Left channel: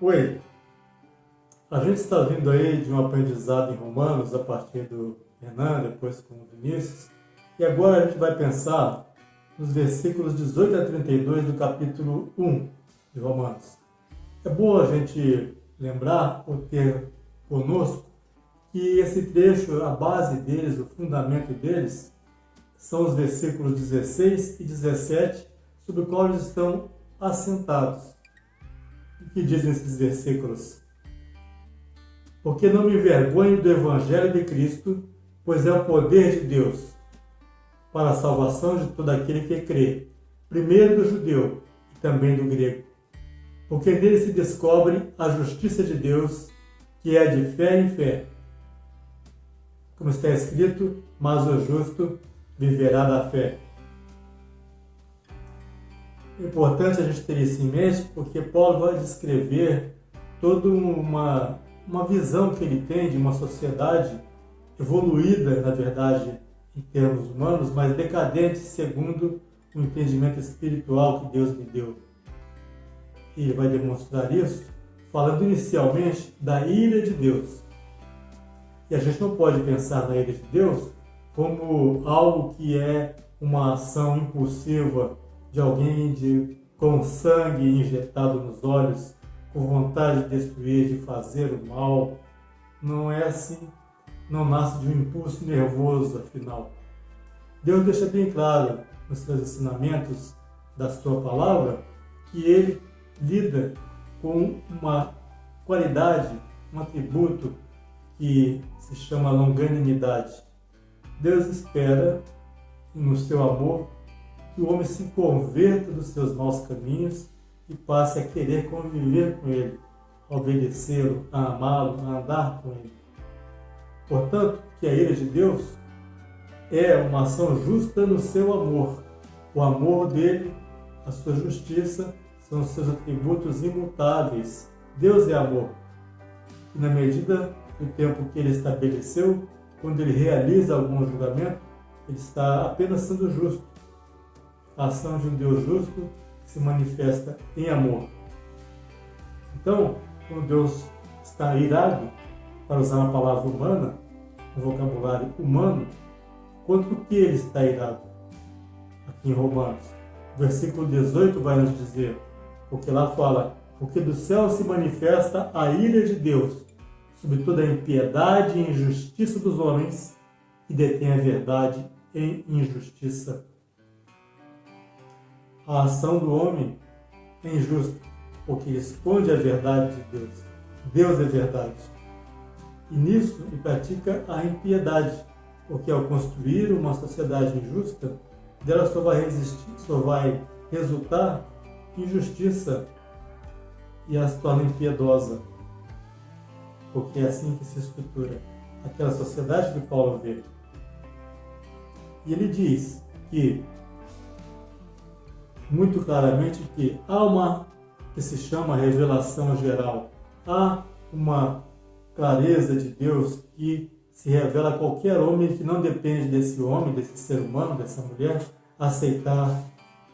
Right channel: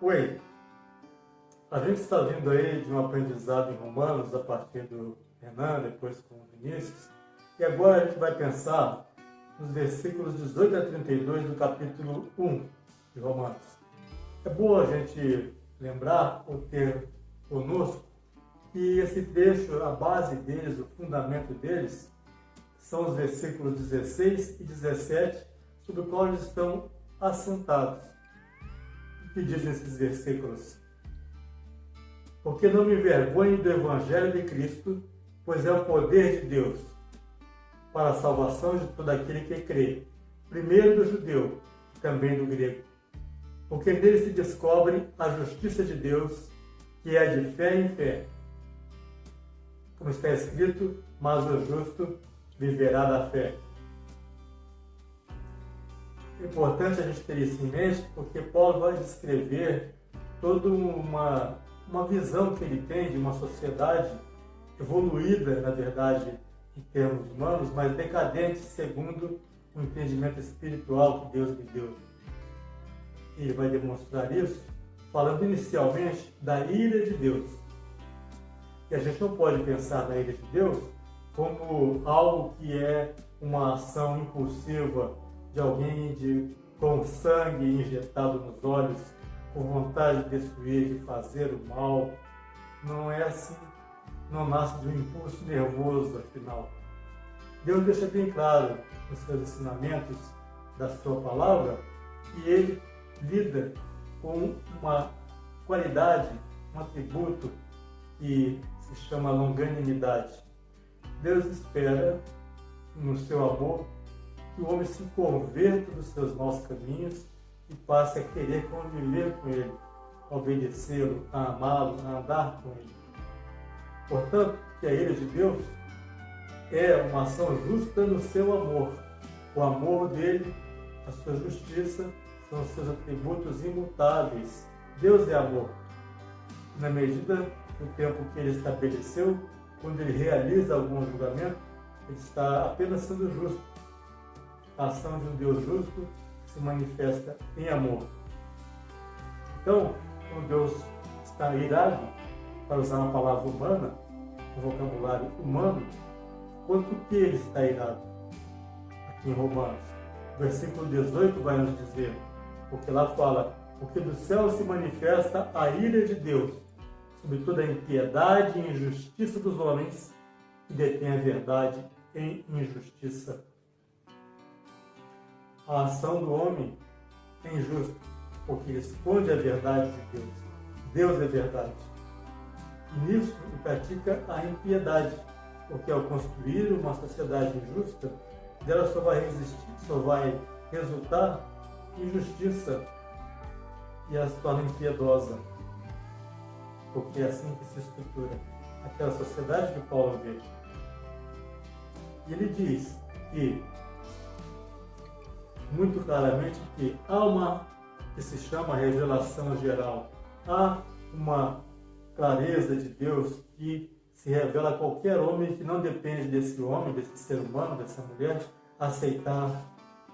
Oi, a gente está vindo aí de um aprendizado em Romanos a partir do Renan, depois com o Vinícius, e agora a gente vai pensar nos versículos 18 a 32 do capítulo 1 de Romanos. É bom a gente lembrar ou ter conosco que esse trecho, a base deles, o fundamento deles, são os versículos 16 e 17, sobre os quais estão assentados. O que dizem esses versículos? Porque não me envergonho do Evangelho de Cristo, pois é o poder de Deus para a salvação de todo aquele que crê, primeiro do judeu e também do grego. Porque nele se descobre a justiça de Deus, que é de fé em fé. Como está escrito, mas o justo viverá da fé. É importante a gente ter isso em mente, porque Paulo vai descrever toda uma visão que ele tem de uma sociedade evoluída, na verdade, em termos humanos, mas decadente segundo o entendimento espiritual que Deus lhe deu. E ele vai demonstrar isso falando inicialmente da ira de Deus. E a gente não pode pensar na ira de Deus como algo que é uma ação impulsiva de alguém com sangue injetado nos olhos, com vontade de destruir, de fazer o mal. Não é assim, não nasce de um impulso nervoso, afinal. Deus deixa bem claro nos seus ensinamentos da sua palavra que ele lida com uma qualidade, um atributo que se chama longanimidade. Deus espera, no seu amor, que o homem se converta dos seus maus caminhos e passe a querer conviver com ele, a obedecê-lo, a amá-lo, a andar com ele. Portanto, que a ira de Deus é uma ação justa no seu amor. O amor dele, a sua justiça, são os seus atributos imutáveis. Deus é amor. E na medida do tempo que ele estabeleceu, quando ele realiza algum julgamento, ele está apenas sendo justo. A ação de um Deus justo se manifesta em amor. Então, quando Deus está irado, para usar uma palavra humana, um vocabulário humano, contra o que ele está irado? Aqui em Romanos. O versículo 18 vai nos dizer, porque lá fala, porque do céu se manifesta a ira de Deus, sobre toda a impiedade e injustiça dos homens, que detêm a verdade em injustiça. A ação do homem é injusta, porque ele esconde a verdade de Deus. Deus é verdade. E nisso ele pratica a impiedade, porque ao construir uma sociedade injusta, dela só vai resultar injustiça e ela se torna impiedosa. Porque é assim que se estrutura aquela sociedade que Paulo vê. E ele diz que muito claramente que há uma que se chama revelação geral. Há uma clareza de Deus que se revela a qualquer homem que não depende desse homem, desse ser humano, dessa mulher, aceitar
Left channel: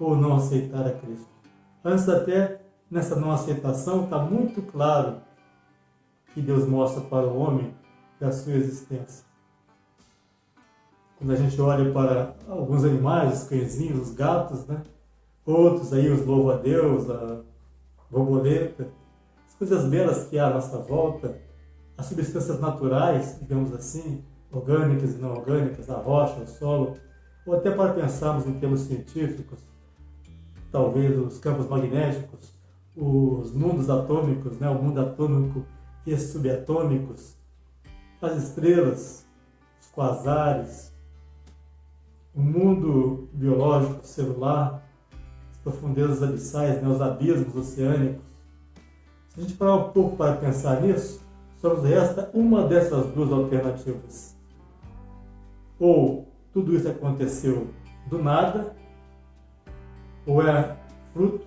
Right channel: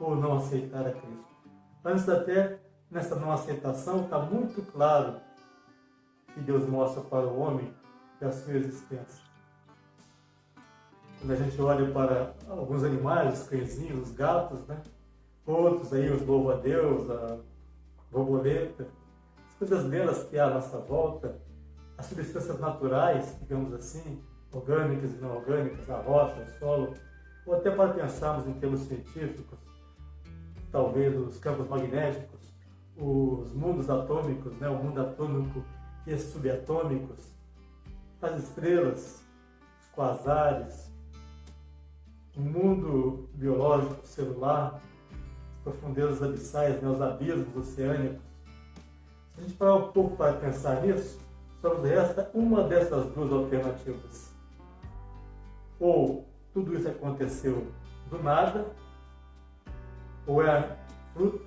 ou não aceitar a Cristo. Antes até, nessa não aceitação, está muito claro que Deus mostra para o homem da sua existência. Quando a gente olha para alguns animais, os cãezinhos, os gatos, né? Outros aí, os louva-a-Deus, a borboleta, as coisas belas que há à nossa volta, as substâncias naturais, digamos assim, orgânicas e não orgânicas, a rocha, o solo, ou até para pensarmos em termos científicos, talvez os campos magnéticos, os mundos atômicos, né? O mundo atômico e subatômicos, as estrelas, os quasares, o mundo biológico celular, as profundezas abissais, né, os abismos oceânicos. Se a gente parar um pouco para pensar nisso, só nos resta uma dessas duas alternativas. Ou tudo isso aconteceu do nada, ou é fruto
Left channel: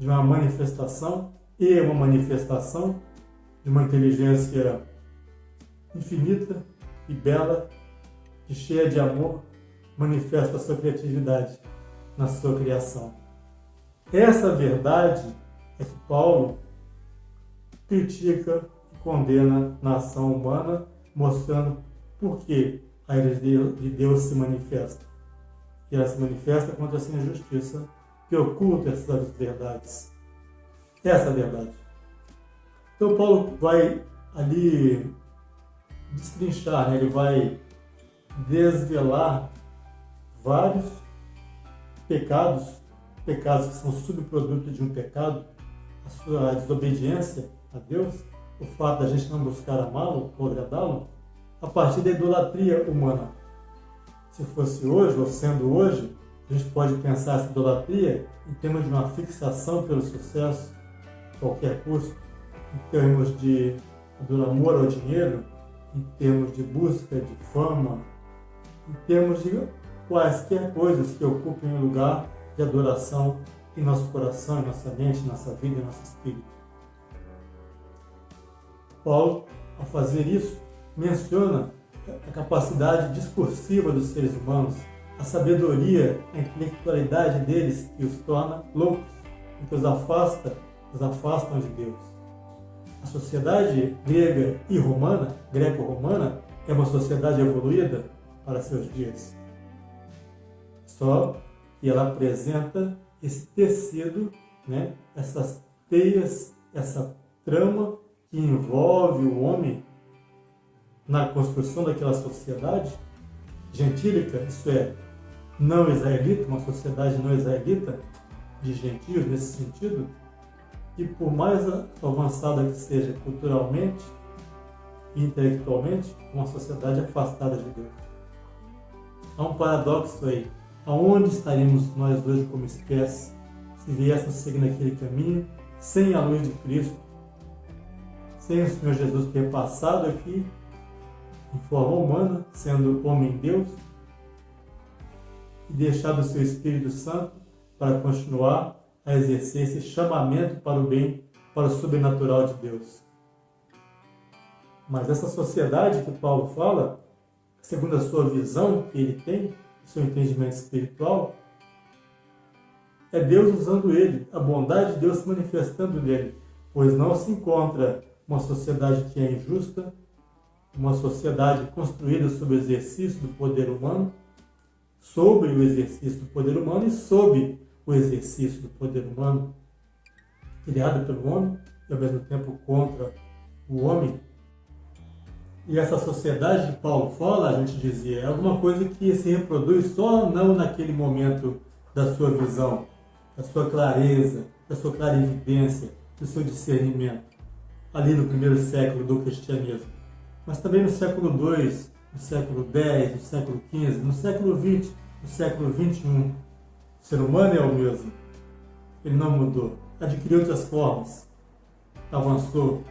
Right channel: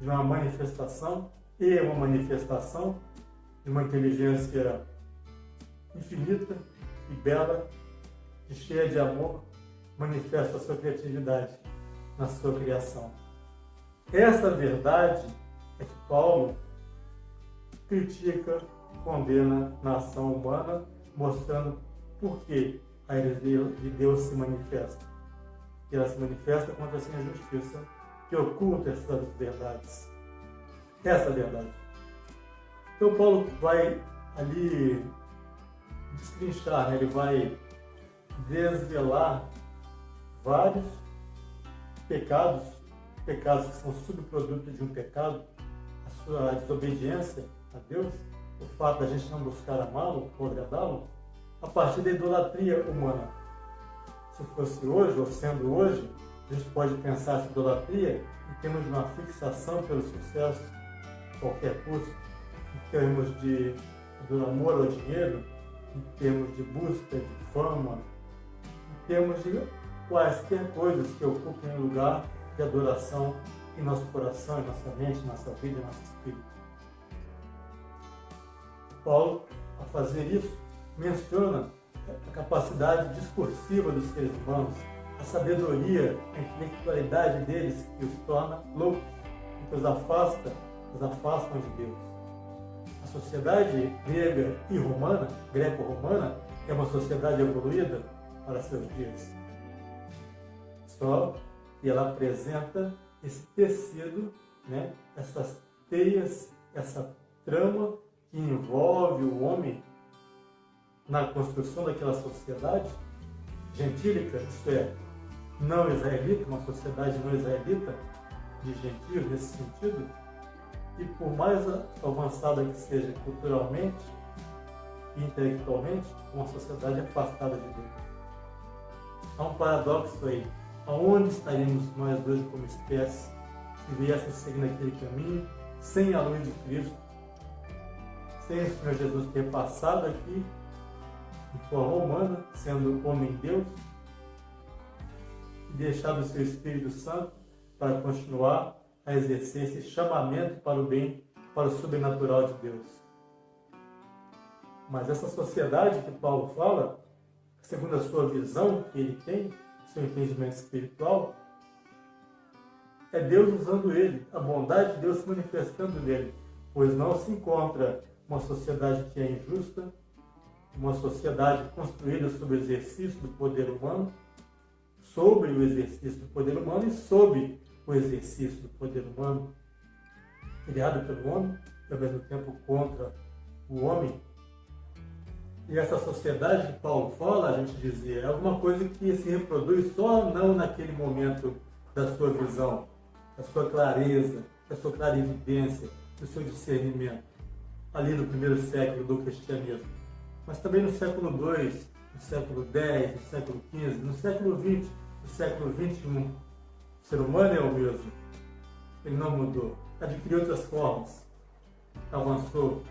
de uma manifestação e uma manifestação de uma inteligência infinita e bela, e cheia de amor, manifesta a sua criatividade na sua criação. Essa verdade é que Paulo critica e condena na ação humana, mostrando por que a ira de Deus se manifesta. E ela se manifesta contra essa injustiça que oculta essas verdades. Essa é a verdade. Então Paulo vai ali destrinchar, né? Ele vai desvelar vários pecados que são subproduto de um pecado, a sua desobediência a Deus, o fato da gente não buscar amá-lo ou agradá-lo, a partir da idolatria humana. Se fosse hoje, ou sendo hoje, a gente pode pensar essa idolatria em termos de uma fixação pelo sucesso, a qualquer custo, em termos do amor ao dinheiro, em termos de busca de fama, em termos de quaisquer coisas que ocupem um lugar de adoração em nosso coração, em nossa mente, em nossa vida, em nosso espírito. Paulo, ao fazer isso, menciona a capacidade discursiva dos seres humanos, a sabedoria, a intelectualidade deles que os torna loucos, que os afastam de Deus. A sociedade grega e romana, greco-romana, é uma sociedade evoluída para seus dias. Só que ela apresenta esse tecido, né, essas teias, essa trama que envolve o homem na construção daquela sociedade gentílica, isso é, não israelita, uma sociedade não israelita, de gentios nesse sentido, e por mais avançada que seja culturalmente e intelectualmente, uma sociedade afastada de Deus. Há um paradoxo aí. Aonde estaríamos nós hoje como espécie se viéssemos seguindo aquele caminho sem a luz de Cristo, sem o Senhor Jesus ter passado aqui em forma humana, sendo homem-deus, e deixado o seu Espírito Santo para continuar a exercer esse chamamento para o bem, para o sobrenatural de Deus. Mas essa sociedade que Paulo fala, segundo a sua visão que ele tem, o seu entendimento espiritual, é Deus usando ele, a bondade de Deus se manifestando nele, pois não se encontra uma sociedade que é injusta, uma sociedade construída sobre o exercício do poder humano, sobre o exercício do poder humano e sob o exercício do poder humano, criado pelo homem e ao mesmo tempo contra o homem. E essa sociedade que Paulo fala, a gente dizia, é alguma coisa que se reproduz só não naquele momento da sua visão, da sua clareza, da sua clarividência, do seu discernimento, ali no primeiro século do cristianismo, mas também no século II, no século X, no século XV, no século XX, no século XXI. O ser humano é o mesmo. Ele não mudou. Adquiriu outras formas. Avançou.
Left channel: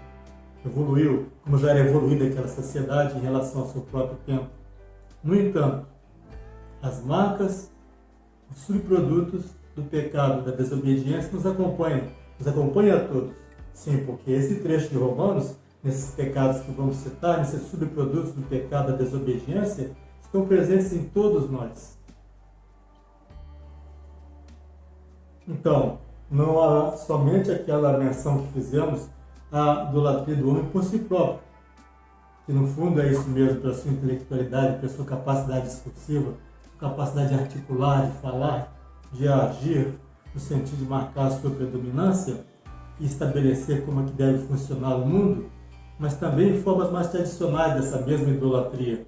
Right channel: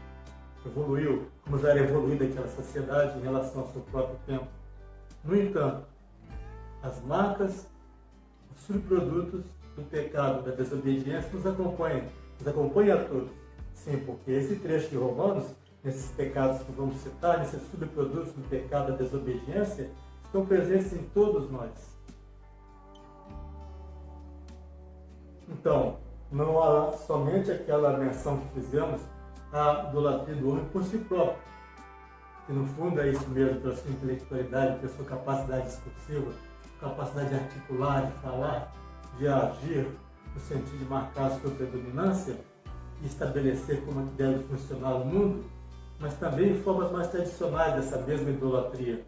Evoluiu, como já era evoluída aquela sociedade em relação ao seu próprio tempo. No entanto, as marcas, os subprodutos do pecado, da desobediência nos acompanham a todos. Sim, porque esse trecho de Romanos, nesses pecados que vamos citar, nesses subprodutos do pecado, da desobediência, estão presentes em todos nós. Então, não há somente aquela menção que fizemos, a idolatria do homem por si próprio, que no fundo é isso mesmo, pela sua intelectualidade, pela sua capacidade discursiva, capacidade de articular, de falar, de agir, no sentido de marcar a sua predominância e estabelecer como é que deve funcionar o mundo, mas também em formas mais tradicionais dessa mesma idolatria,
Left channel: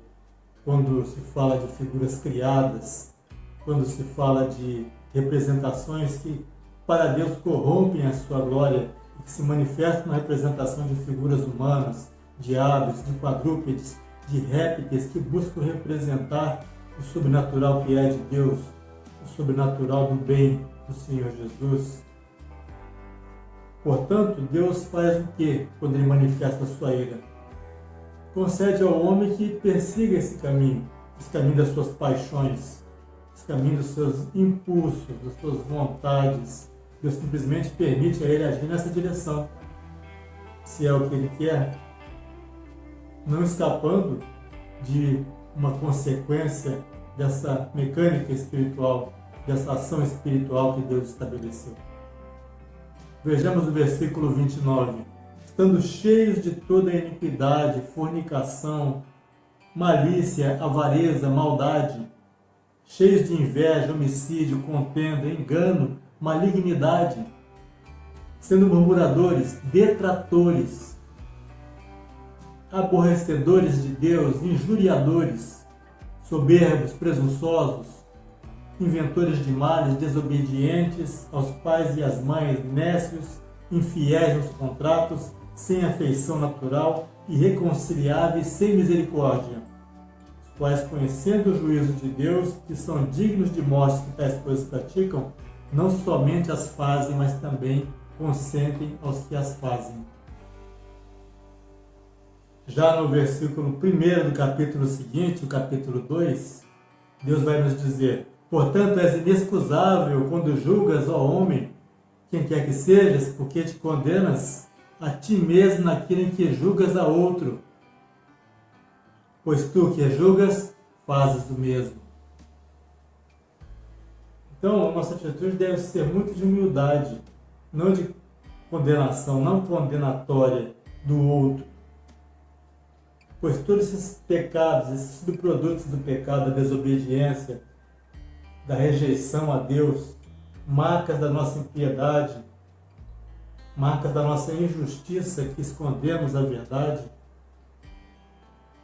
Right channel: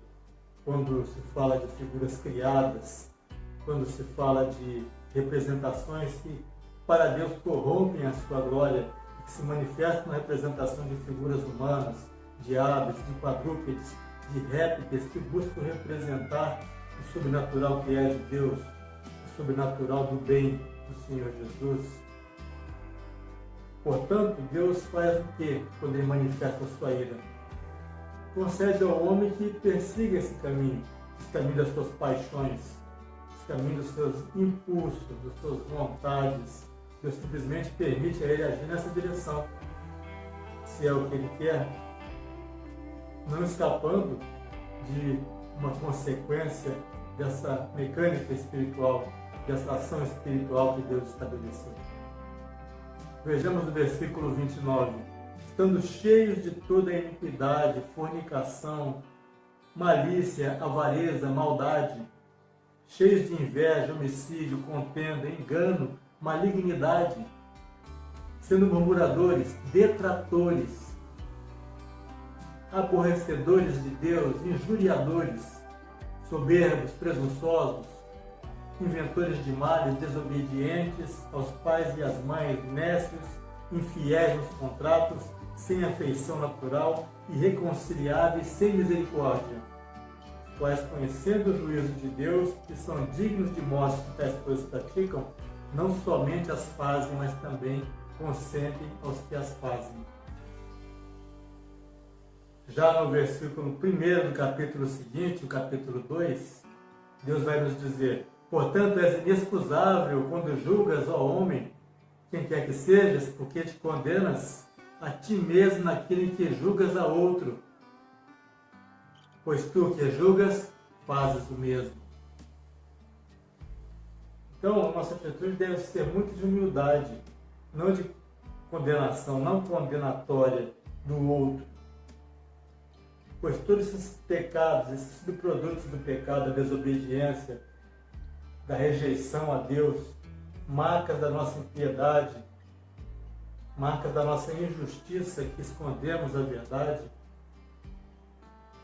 quando se fala de figuras criadas, quando se fala de representações que para Deus corrompem a sua glória e que se manifestam na representação de figuras humanas, de aves, de quadrúpedes, de répteis que buscam representar o sobrenatural que é de Deus, o sobrenatural do bem do Senhor Jesus. Portanto, Deus faz o que quando Ele manifesta a sua ira? Concede ao homem que persiga esse caminho das suas paixões, esse caminho dos seus impulsos, das suas vontades. Deus simplesmente permite a ele agir nessa direção, se é o que ele quer, não escapando de uma consequência dessa mecânica espiritual, dessa ação espiritual que Deus estabeleceu. Vejamos o versículo 29. estando cheios de toda iniquidade, fornicação, malícia, avareza, maldade, cheios de inveja, homicídio, contenda, engano, malignidade, sendo murmuradores, detratores, aborrecedores de Deus, injuriadores, soberbos, presunçosos, inventores de males, desobedientes aos pais e às mães, nécios, infiéis nos contratos, sem afeição natural, irreconciliáveis, sem misericórdia, os quais, conhecendo o juízo de Deus, que são dignos de morte que tais coisas praticam, não somente as fazem, mas também consentem aos que as fazem. Já no versículo 1 do capítulo seguinte, o capítulo 2, Deus vai nos dizer: portanto, és inexcusável quando julgas, ó homem, quem quer que sejas, porque te condenas a ti mesmo naquilo em que julgas a outro. Pois tu que julgas, fazes o mesmo. Então, a nossa atitude deve ser muito de humildade, não de condenação, não condenatória do outro. Pois todos esses pecados, esses subprodutos do pecado, da desobediência, da rejeição a Deus, marcas da nossa impiedade, marcas da nossa injustiça que escondemos a verdade,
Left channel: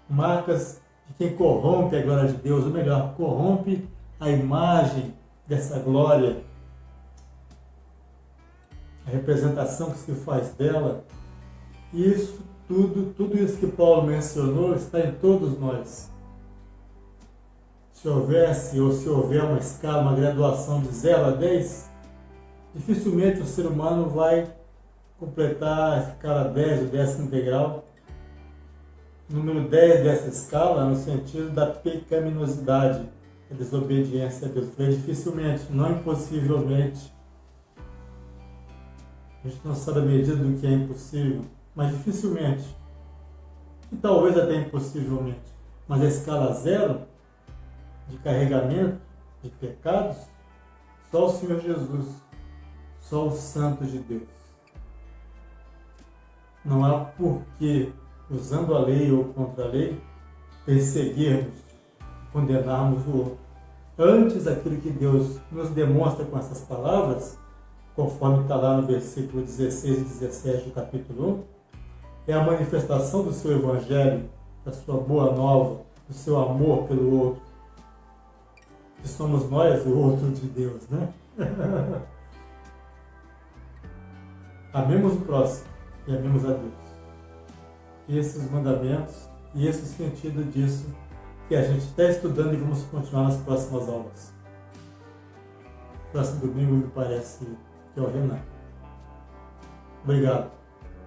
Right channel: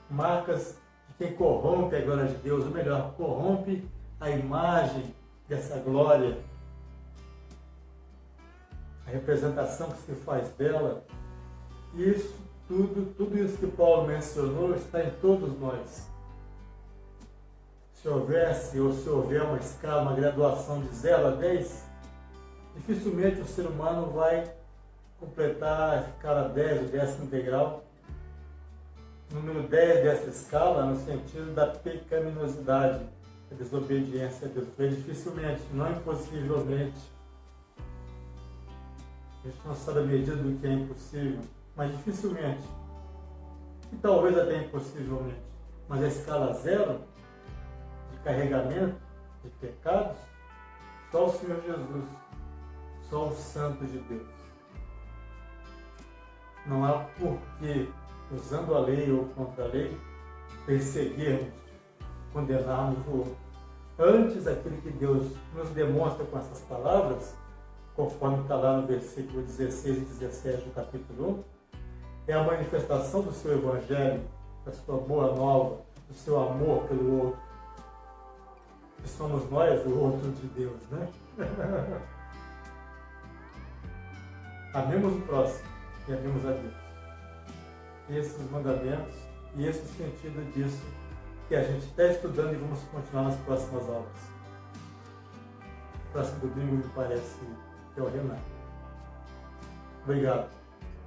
marcas de quem corrompe a glória de Deus, ou melhor, corrompe a imagem dessa glória, a representação que se faz dela. Isso tudo isso que Paulo mencionou está em todos nós. Se houver uma escala, uma graduação de 0 a 10, dificilmente o ser humano vai completar a escala 10, o 10º degrau. Número 10 dessa escala, no sentido da pecaminosidade, a desobediência a Deus. Dificilmente, não impossivelmente. A gente não sabe a medida do que é impossível, mas dificilmente. E talvez até impossivelmente. Mas a escala 0 de carregamento de pecados, só o Senhor Jesus, só o Santo de Deus. Não há porquê, usando a lei ou contra a lei, perseguirmos, condenarmos o outro. Antes, aquilo que Deus nos demonstra com essas palavras, conforme está lá no versículo 16 e 17 do capítulo 1, é a manifestação do seu Evangelho, da sua boa nova, do seu amor pelo outro. Que somos nós o outro de Deus, né? Amemos o próximo e amemos a Deus. Esses mandamentos e esse sentido disso que a gente está estudando e vamos continuar nas próximas aulas. Próximo domingo me parece que é o Renan. Obrigado.